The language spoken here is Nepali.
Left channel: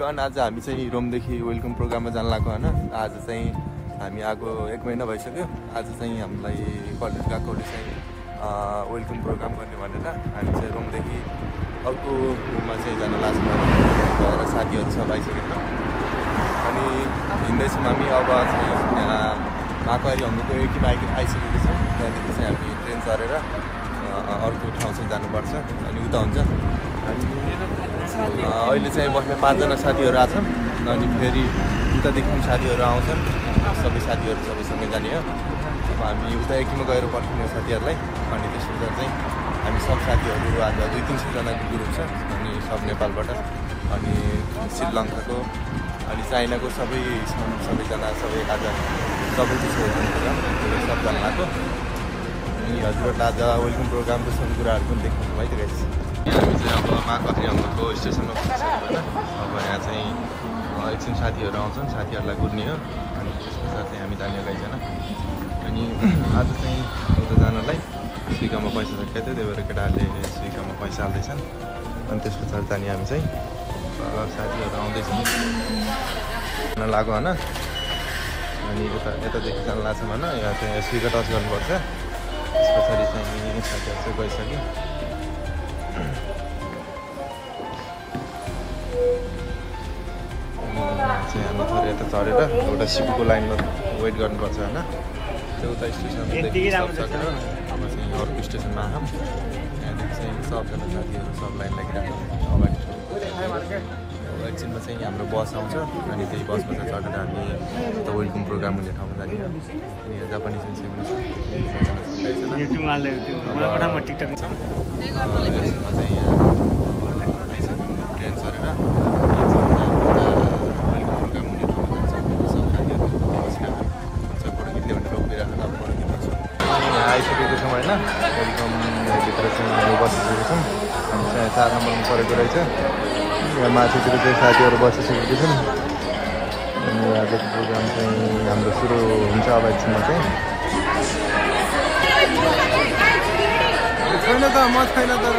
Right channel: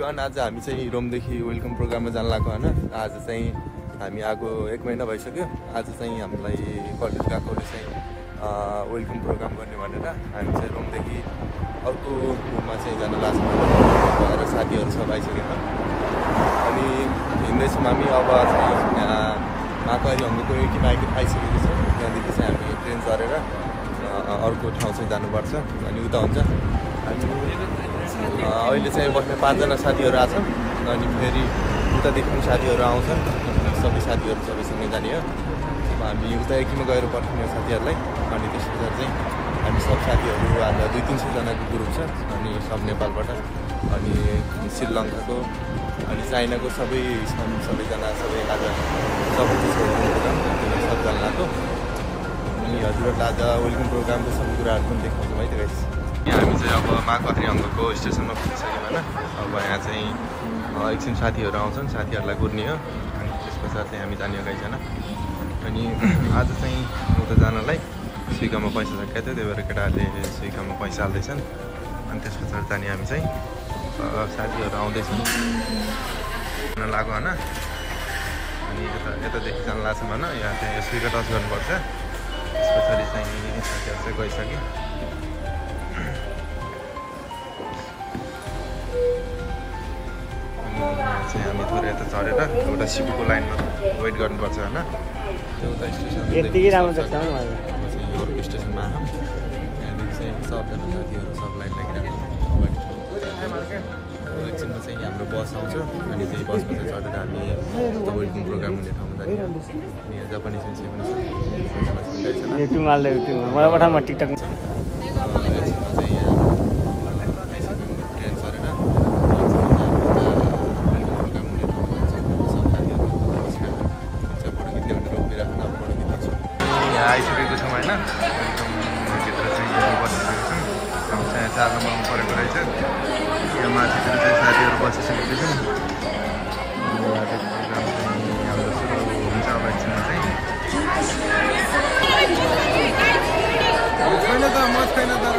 एभ्रिवान, आज हामी चाहिँ रोमदेखि वेलकम प्रोग्राममा जान लागेको होइन। आज चाहिँ हामी आएको 1 महिना भइसक्यो। आज चाहिँ हामीलाई कलेज गएकोले चाहिँ वेलकम प्रोग्राम गर्ने भनेर हामी चाहिँ रोमदेखि अर्को रुममा चाहिँ जान लाग्छौँ र साथीहरू सब आइसकेको अनि हिँड्दैछौँ हामी। अब यहाँ माकवारी हङ्गुको एटिमा आइसकेको छौँ। त्यहाँदेखि चाहिँ हामी ट्रेन चढेर अर्को ठाउँ चाहिँ जानुपर्छ अनि उता हुन्छ। अनि अहिले चाहिँ बस्ने 5 जना साथीहरू आछन् अनि फेरि उतादेखि पनि साथीहरू आउँछन्। सबै साथीहरू सबैसँगै जाने हो। अब हामी उता एकीमा गएर पर्खिने साथीहरूलाई अनि त्यसपछि चाहिँ हामी सब साथीहरू आज 200-300 जनाको ग्रुप छ अनि सब नेपालबाट अनि श्रीलङ्काको अनि चाइनाको सबै छन्। सबैजना सबै आज सबैको प्रोग्राम त्यो सबजना लाग्यो अनि हजुरहरूलाई आज वेलकम प्रोग्रामको सबै कुराहरू पनि देखाउँछौँ है। त्यो हामी चाहिँ अब माकवारी हङ्गुको स्टेसनमा पुगिसक्यौँ होइन। अब यहाँ चाहिँ एकछिन साथीहरू आउँछन्, साथीहरूलाई कुर्ने हो अनि त्यस पछाडि चाहिँ हामी जाने गइकन अनि आज चाहिँ उता जानलाई स्विकामा पैसा सकिएको थियो, त्यही भएर केटाहरूले स्विकामा पैसा हाल्दैछन् अनि त्यस पछाडि जाने हामी चाहिँ साथीहरू आउँदैछन् लाग्यो होइन। अनि यतादेखि जान लाग्छौँ होइन। यहाँ चाहिँ स्विका टच गर्नुपर्छ, त्यस पछाडि चाहिँ साथीहरू चाहिँ गइसक्यो। चाहिँ हामी थोरै यता चढेर एउटा सिपीको लाइनमा वेट गर्नुपर्छ होइन। त्यो उता स्टेसनदेखि अब चाहिँ अर्को स्टेसनमा आयौँ। यहाँदेखि चाहिँ सबजना साथीहरू सब लाइन लागिरहेको एकछिनमा चाहिँ हाम्रो बस आउँछ अनि त्यही बसमा चाहिँ चढेर हामी त्यो वेलकम प्रोग्राम हुने ठाउँमा जाने हो। अनि यहाँ जापानिज मान्छे पनि छ, एकछिनमा चाहिँ यहाँ आइसक्यौँ ट्रेन चढेर यहाँ आइसकेको छौँ होइन। वेलकम भित्र चाहिँ बसिसकेको छौँ। हामी चाहिँ 4 नम्बरमा परेको रहेछ। यहाँ माथितिर चाहिँ साथीहरू बसिसकेको छौँ। हाम्रो सुरु हुन्छ अब एकछिनमा चाहिँ। छैन त म छैन तर